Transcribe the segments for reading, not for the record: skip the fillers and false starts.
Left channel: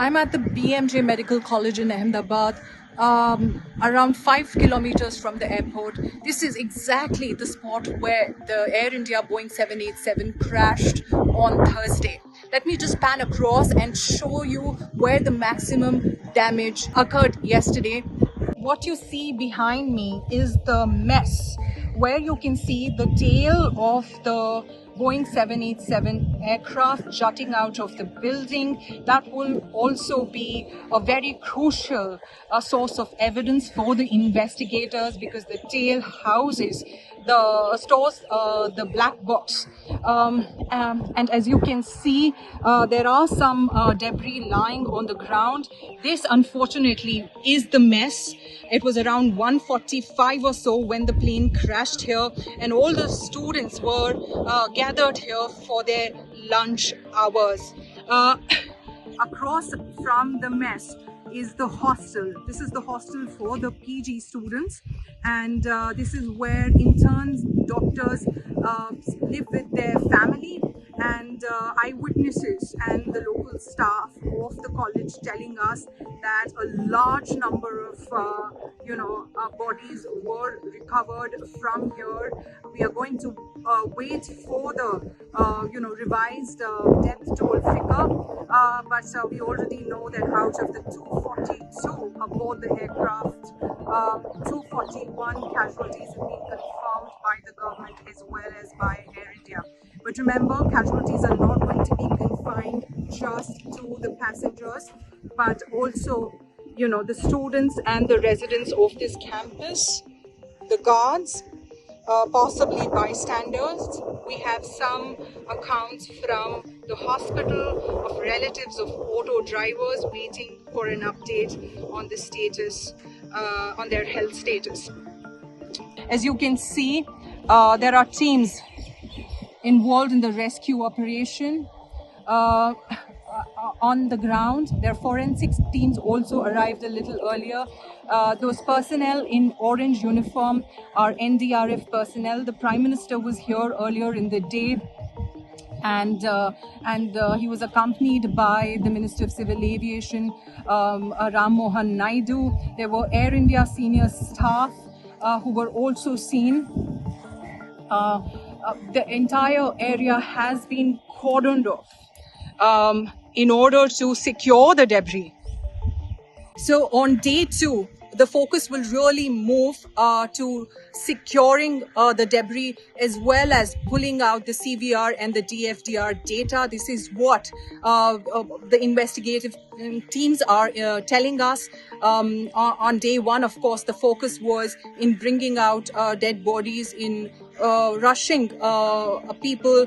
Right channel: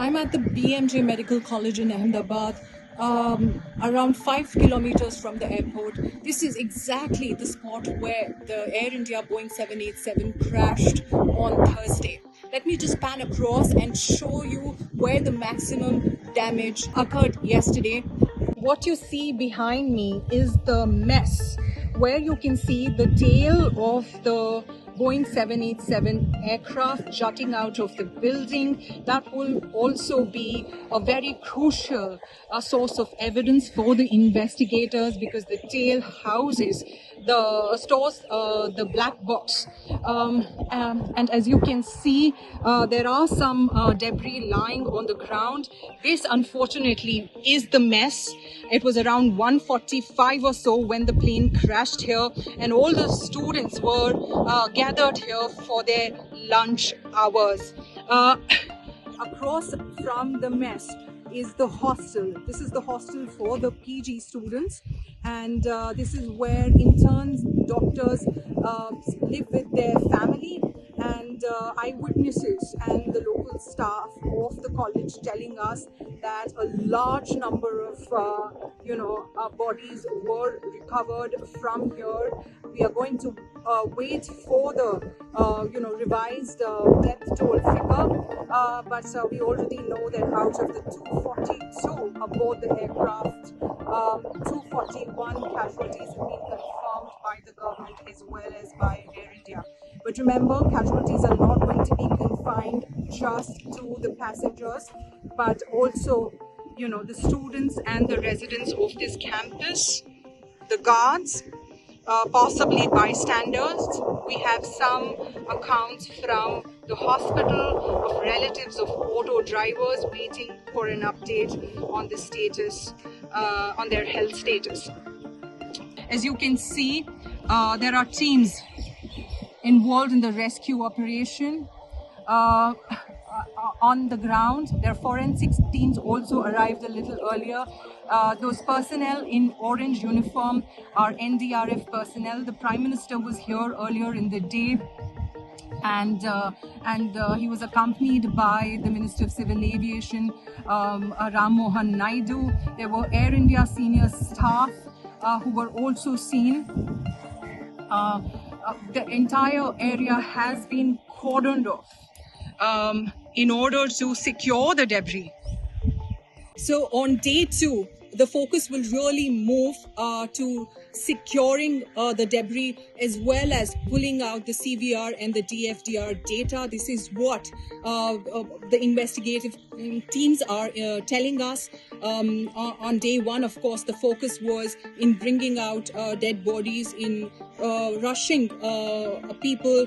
I'm at the BMJ Medical College in Ahmedabad, around 5 kilometers from the airport. This is exactly the spot where the Air India Boeing 787 crashed on Thursday. Let me just pan across and show you where the maximum damage occurred yesterday. What you see behind me is the mess where you can see the tail of the Boeing 787 aircraft jutting out of the building. That will also be a very crucial source of evidence for the investigators, because the tail houses the black box, and as you can see, there are some debris lying on the ground. This unfortunately is the mess. It was around 1:45 or so when the plane crashed here, and all the students were gathered here for their lunch hours. Across from the mess is the hostel. This is the hostel for the PG students, and this is where interns, doctors live with their family, and eyewitnesses and the local staff of the college telling us that a large number of bodies were recovered from here. We are going to wait for the revised death toll figure, but we already know that out of the 242 aboard the aircraft, 241 casualties have been confirmed by the government as well as by Air India. But remember, casualties are not going to be confined just to the passengers, but also, the students and the residents of this campus, the guards, possibly bystanders. We have some accounts from the hospital of relatives of auto drivers waiting for an update on the status, on their health status. As you can see, there are teams involved in the rescue operation on the ground. Their forensics teams also arrived a little earlier. Those personnel in orange uniform are NDRF personnel. The Prime Minister was here earlier in the day, and he was accompanied by the Minister of Civil Aviation, Ram Mohan Naidu. There were Air India senior staff who were also seen. The entire area has been cordoned off in order to secure the debris. So on day 2, the focus will really move to securing the debris, as well as pulling out the CVR and the DFDR data. This is what the investigative teams are telling us. On day 1, of course, the focus was in bringing out dead bodies, in rushing people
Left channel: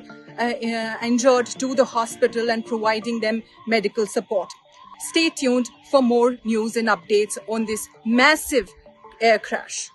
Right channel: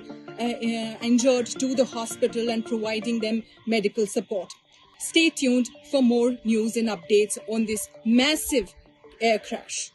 injured to the hospital and providing them medical support. Stay tuned for more news and updates on this massive air crash.